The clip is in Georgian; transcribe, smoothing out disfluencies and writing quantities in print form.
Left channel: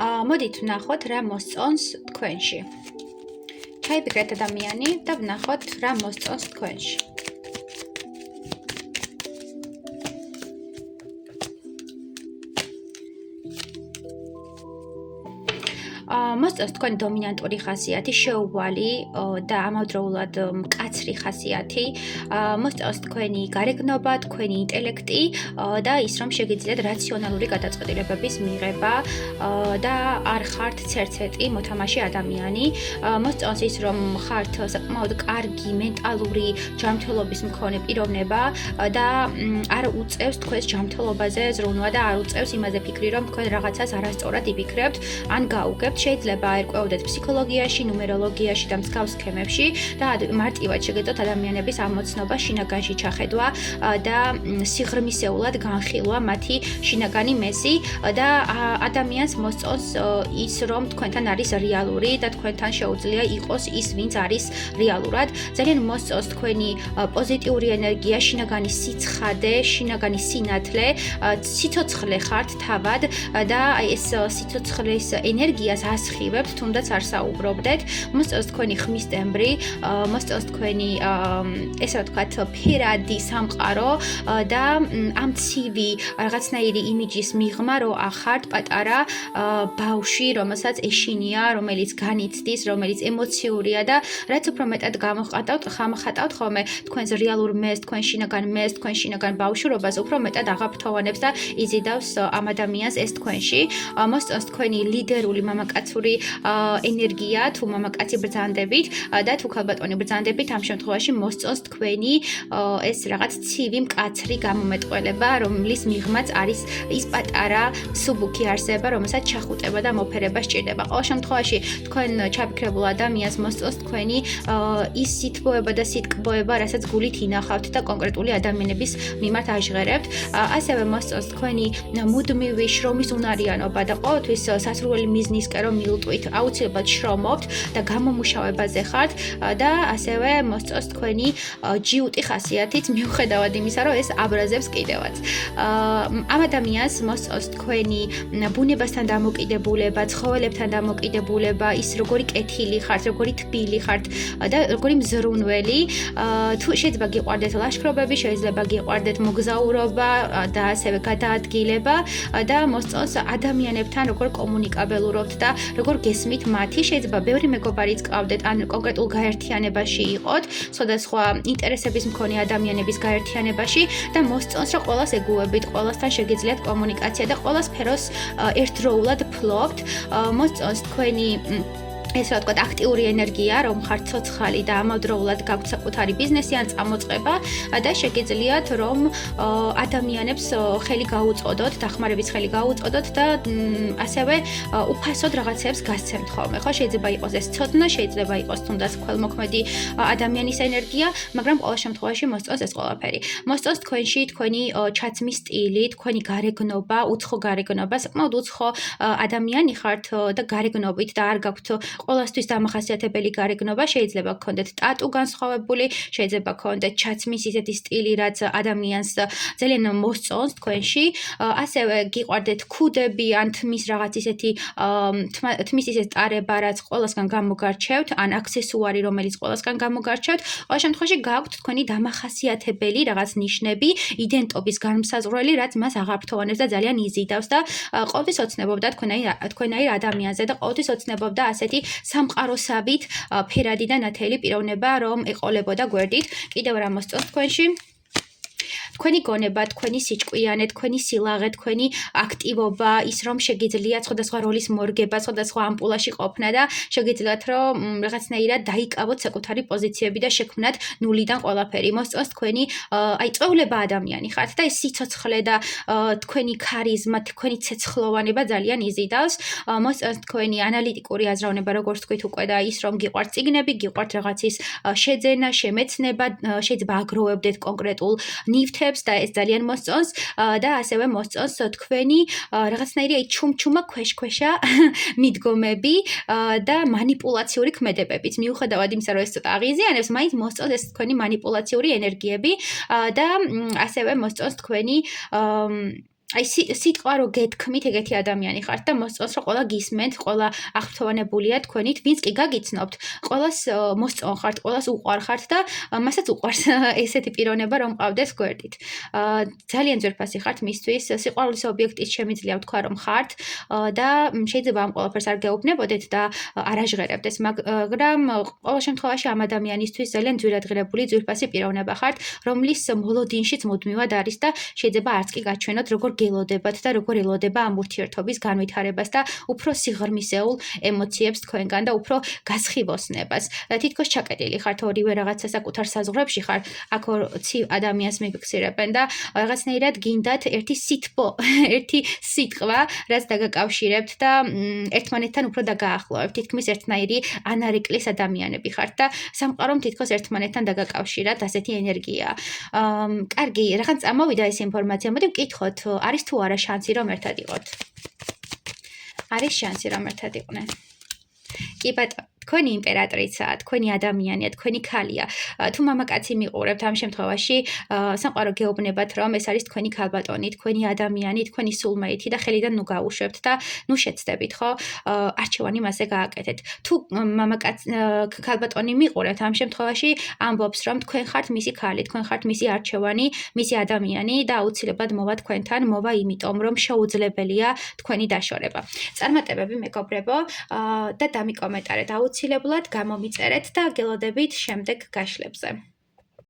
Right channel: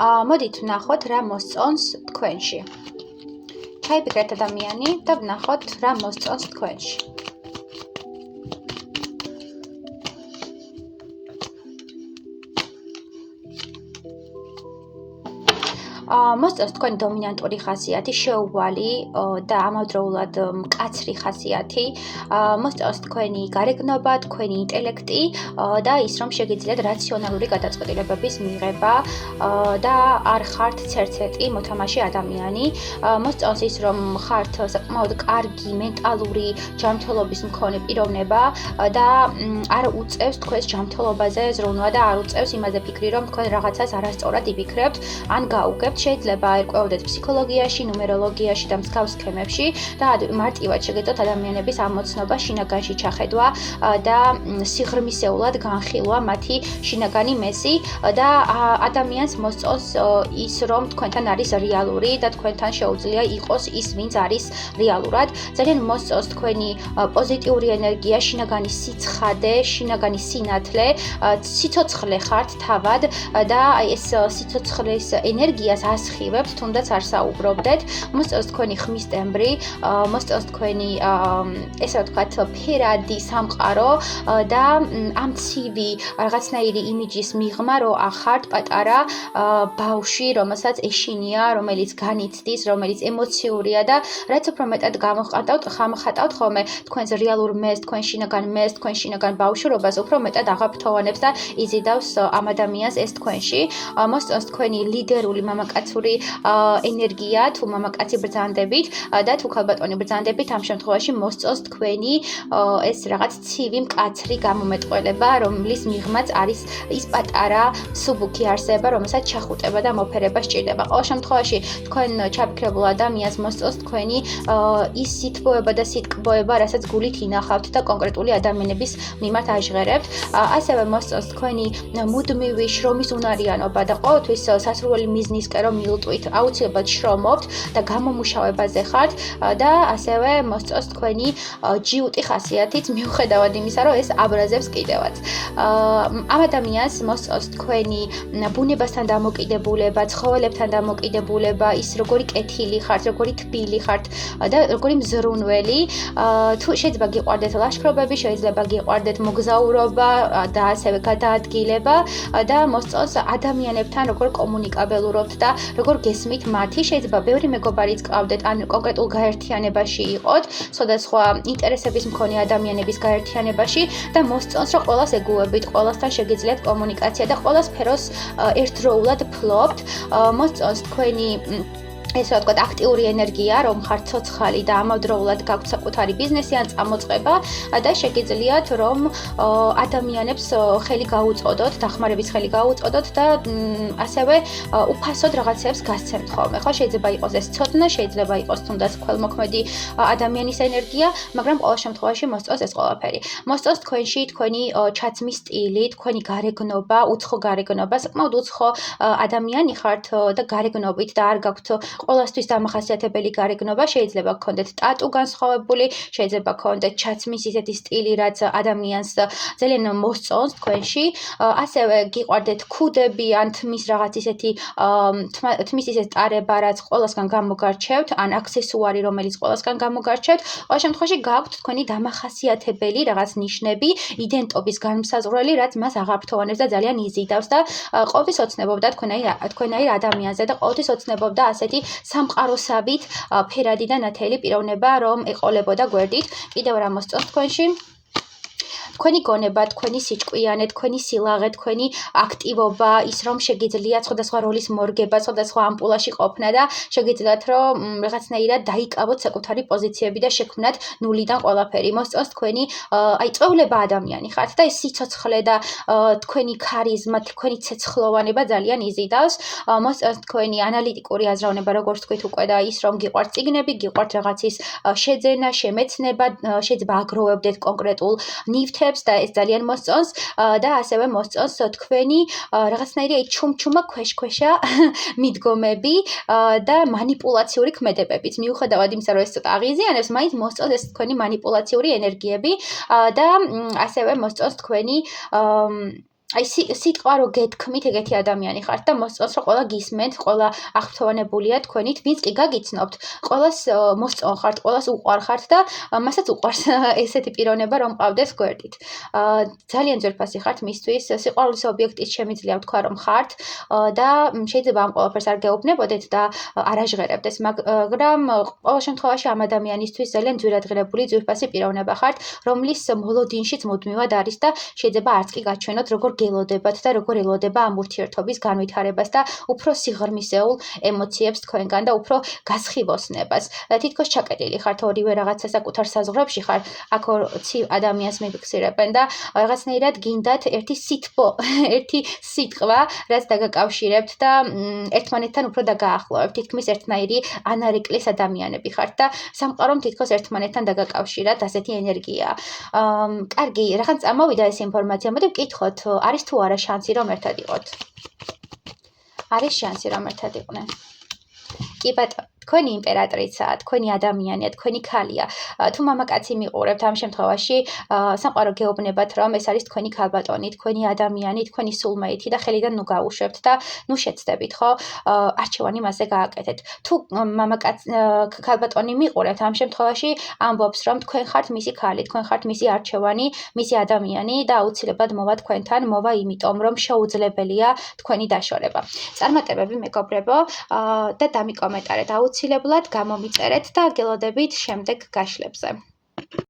მოდით ვნახოთ რა მოსწონს თქვენში. ჩაიფიქრეთ ადამიანი და ვნახოთ რა მოსწონს თქვენში. მოსწონს თქვენი დომინანტური ხასიათი, შეუვალი და ამავდროულად მკაცრი ხასიათი, მოსწონს თქვენი გარეგნობა, თქვენი ინტელექტი და ის რომ შეგიძლიათ რაციონალური გადაწყვეტილებების მიღება და არ ხართ ცერცეტი მოთამაშე ადამიანი. მოსწონს ის რომ ხართ საკმაოდ კარგი მენტალური ჯანმრთელობის მქონე პიროვნება და არ უწევს თქვენს ჯანმრთელობაზე ზრუნვა და არ უწევს იმაზე ფიქრი რომ თქვენ რაღაცას არასწორად იფიქრებთ ან გაუგებთ. შეიძლება ერკვეოდეთ ფსიქოლოგიაში, ნუმეროლოგიაში და მსგავს სქემებში და მარტივად შეგეძლოთ ადამიანების ამოცნობა შინაგანში ჩახედვა და სიღრმისეულად განხილვა მათი შინაგანი მესი და ადამიანს მოსწონს ის რომ თქვენთან არის რეალური და თქვენთან შეუძლია იყოს ის ვინც არის რეალურად. ძალიან მოსწონს თქვენი პოზიტიური ენერგია, შინაგანი სიცხადე, შინაგანი სინათლე, სიცოცხლე ხართ თავად და ეს სიცოცხლის ენერგიას ასხივებთ, თუნდაც არ საუბრობდეთ. მოსწონს თქვენი ხმის ტემბრი, მოსწონს თქვენი ესე ვთქვათ ფერადი სამყარო და ამ ცივი რაღაცნაირი იმიჯის მიღმა, რომ ახართ პატარა ბავშვი, რომელსაც ეშინია, რომელიც განიცდის, რომელიც ემოციურია და რაც უფრო მეტად გამახატავთ ხოლმე თქვენს რეალურ მეს, თქვენ შინაგან მეს, თქვენ შინაგან ბავშვურობას, უფრო მეტად აღაფრთოვანებს და იზიდავს ამ ადამიანს ეს თქვენში. მოსწონს თქვენი ლიდერული მამაკაცური ენერგია, თუ მამაკაცი ბრძანდებით და თუ ქალბატონი ბრძანდებით, ამ შემთხვევაში მოსწონს თქვენი ეს რაღაც ცივი მკაცრი გამომეტყველება, რომლის მიღმაც არის ის პატარა სუბუქი არსება, რომელსაც ჩახუტება და მოფერება სჭირდება. ყოველ შემთხვევაში თქვენ ჩაფიქრებულ ადამიანს მოსწონს თქვენი ის სითბოება და სიტკბოება, რასაც გულით ინახავთ და კონკრეტული ადამიანების მიმართ აჟღერებთ. ასევე მოსწონს თქვენი მუდმივი შრომის უნარიანობა და ყოველთვის სასურველი მიზნისკენ რომ მილტვით, აუცილებლად შრომობთ და გამომუშავებაზე ხართ და ასევე მოსწონს თქვენი ჯიუტი ხასიათიც, მიუხედავად იმისა, რომ ეს აბრაზებს კიდევაც. ამ ადამიანს მოსწონს თქვენი ბუნებასთან დამოკიდებულება, ცხოველებთან დამოკიდებულება, ის როგორი კეთილი ხართ, როგორი თბილი ხართ და როგორი მზრუნველი. თუ შეიძლება გიყვარდეთ ლაშქრობები, შეიძლება გიყვარდეთ მოგზაურობა და ასევე გადაადგილება და მოსწონს ადამიანებთან როგორ კომუნიკაბელურობთ და როგორ გესმით მათი. შეიძლება ბევრი მეგობარიც გყავდეთ ან კონკრეტულ გაერთიანებაში იყოთ, სხვადასხვა ინტერესების მქონე ადამიანების გაერთიანებაში და მოსწონს რომ ყველას ეგუებით, ყველასთან შეგიძლიათ კომუნიკაცია და ყველა სფეროს ერთდროულად ფლობთ. მოსწონს თქვენი ესე ვთქვათ აქტიური ენერგია, რომ ხართ ცოცხალი და ამავდროულად გაქვთ საკუთარი ბიზნესი ან წამოწყება და შეგიძლიათ რომ ადამიანებს ხელი გაუწყოდოთ, დახმარების ხელი გაუწყოდოთ და ასევე უფასოდ რაღაცებს გასცემთ ხოლმე. ხო, შეიძლება იყოს ეს ცოდნა, შეიძლება იყოს თუნდაც ქველმოქმედი ადამიანის ენერგია, მაგრამ ყოველ შემთხვევაში მოსწონს ეს ყველაფერი. მოსწონს თქვენში თქვენი ჩაცმის სტილი, თქვენი გარეგნობა, უცხო გარეგნობა, საკმაოდ უცხო ადამიანი ხართ და გარეგნობით და არ გაქვთ ყველასთვის დამახასიათებელი გარეგნობა, შეიძლება გქონდეთ ტატუ განსხვავებული, შეიძლება გქონდეთ ჩაცმის ისეთი სტილი, რაც ადამიანს ძალიან მოსწონს თქვენში. ასევე გიყვარდეთ ქუდები ან თმის რაღაც ისეთი თმის ისეთ ტარება, რაც ყველასგან გამოგარჩევთ, ან აქსესუარი, რომელიც ყველასგან გამოგარჩევთ. ყოველ შემთხვევაში გაქვთ თქვენი დამახასიათებელი რაღაც ნიშნები, იდენტობის განმსაზღვრელი, რაც მას აღაფრთოვანებს და ძალიან იზიდავს და ყოველთვის ოცნებობდა თქვენაირ ადამიანზე და ყოველთვის ოცნებობდა ასეთი სამყაროსავით ფერადი და ნათელი პიროვნება რომ ეყოლებოდა გვერდით. კიდევ რა მოსწონს თქვენში? თქვენი გონება, თქვენი სიჭკვიანე, თქვენი სილაღე, თქვენი აქტივობა, ის რომ შეგიძლიათ სხვადასხვა როლის მორგება, სხვადასხვა ამპულაში ყოფნა და შეგიძლიათ რომ რაღაცნაირად დაიკავოთ საკუთარი პოზიციები და შექმნათ ნულიდან ყველაფერი. მოსწონს თქვენი წვეულება ადამიანი ხართ და ეს სიცოცხლე და თქვენი ქარიზმა, თქვენი ცეცხლოვანება ძალიან იზიდავს. მოსწონს თქვენი ანალიტიკური აზროვნება, როგორც თქვით უკვე და ის რომ გიყვართ წიგნები, გიყვართ რაღაცის შეძენა, შემეცნება, შეიძლება აგროვებდეთ კონკრეტულ ნივთებს და ეს ძალიან მოსწონს და ასევე მოსწონს თქვენი რაღაცნაირი ჩუმჩუმა ქვეშ-ქვეშა მიდგომები და манипуლაციური ქმედებებით. მიუხედავად იმისა, რომ ეს ცოტა აღიზიანებს, მაინც მოსწონს ეს თქვენი манипуლაციური ენერგიები და ასევე მოსწონს თქვენი აი სიტყვა რო გეთქმით ეგეთი ადამიანი ხართ და მოსწონს რომ ყველა გისმენთ, ყველა აღფრთოვანებულია თქვენით, ვინც კი გაგიცნობთ, ყველას მოსწონ ხართ, ყველას უყვარხართ და მასაც უყვარს ესეთი პიროვნება რომ მყავდეს გვერდით. ძალიან ძვირფასი ხართ მისთვის, სიყვარულის ობიექტის შემიძლია ვთქვა რომ ხართ და შეიძლება ამ ყველაფერს არ გეუბნებოდეთ და არ აჟღერებდეს, მაგრამ ყოველ შემთხვევაში ამ ადამიანისთვის ძალიან ძვირადღირებული ძვირფასი პიროვნება ხართ, რომლის მოლოდინშიც მუდმივად არის და შეიძლება არც კი გაჩვენოთ როგორ გელოდებათ და როგორ ელოდება ამ ურთიერთობის განვითარებას და უფრო სიღრმისეულ ემოციებს თქვენგან და უფრო გასხივოსნებას. თითქოს ჩაკეტილი ხართ ორივე რაღაცა საკუთარ საზღვრებში ხართ, აქ ცივ ადამიანს მიფიქსირებენ და რაღაცნაირად გინდათ ერთი სითბო, ერთი სიტყვა, რაც დაგაკავშირებთ და ერთმანეთთან უფრო დაგაახლოვებთ. თითქმის ერთნაირი ანარეკლეს ადამიანები ხართ და სამყარომ თითქოს ერთმანეთთან დაგაკავშირათ, ასეთი ენერგიაა. კარგი, რაღაც წამოვიდა ეს ინფორმაცია. მოდი ვკითხოთ, არის თუ არა შანსი რომ ერთად იყოთ? არის შანსი რომ ერთად იყვნენ? კი ბატონო, თქვენი იმპერატრიცაა, თქვენი ადამიანია, თქვენი ქალია. თუ მამაკაცი მიყურებთ ამ შემთხვევაში, სამყარო გეუბნებათ რომ ეს არის თქვენი ქალბატონი, თქვენი ადამიანი, თქვენი soulmate და ხელიდან ნუ გაუშვებთ და ნუ შეცდებით, ხო? არჩევანი მასზე გააკეთეთ. თუ ქალბატონი მიყურებთ ამ შემთხვევაში, ამბობს რომ თქვენ ხართ მისი ქალი, თქვენ ხართ მისი არჩევანი, მისი ადამიანი და აუცილებლად მოვა თქვენთან, მოვა იმიტომ რომ შეუძლებელია თქვენი დაშორება. წარმატებები მეგობრებო და დამიკომენტარეთ აუცილებლად, გამომიწერეთ და გელოდებით შემდეგ გაშლებზე.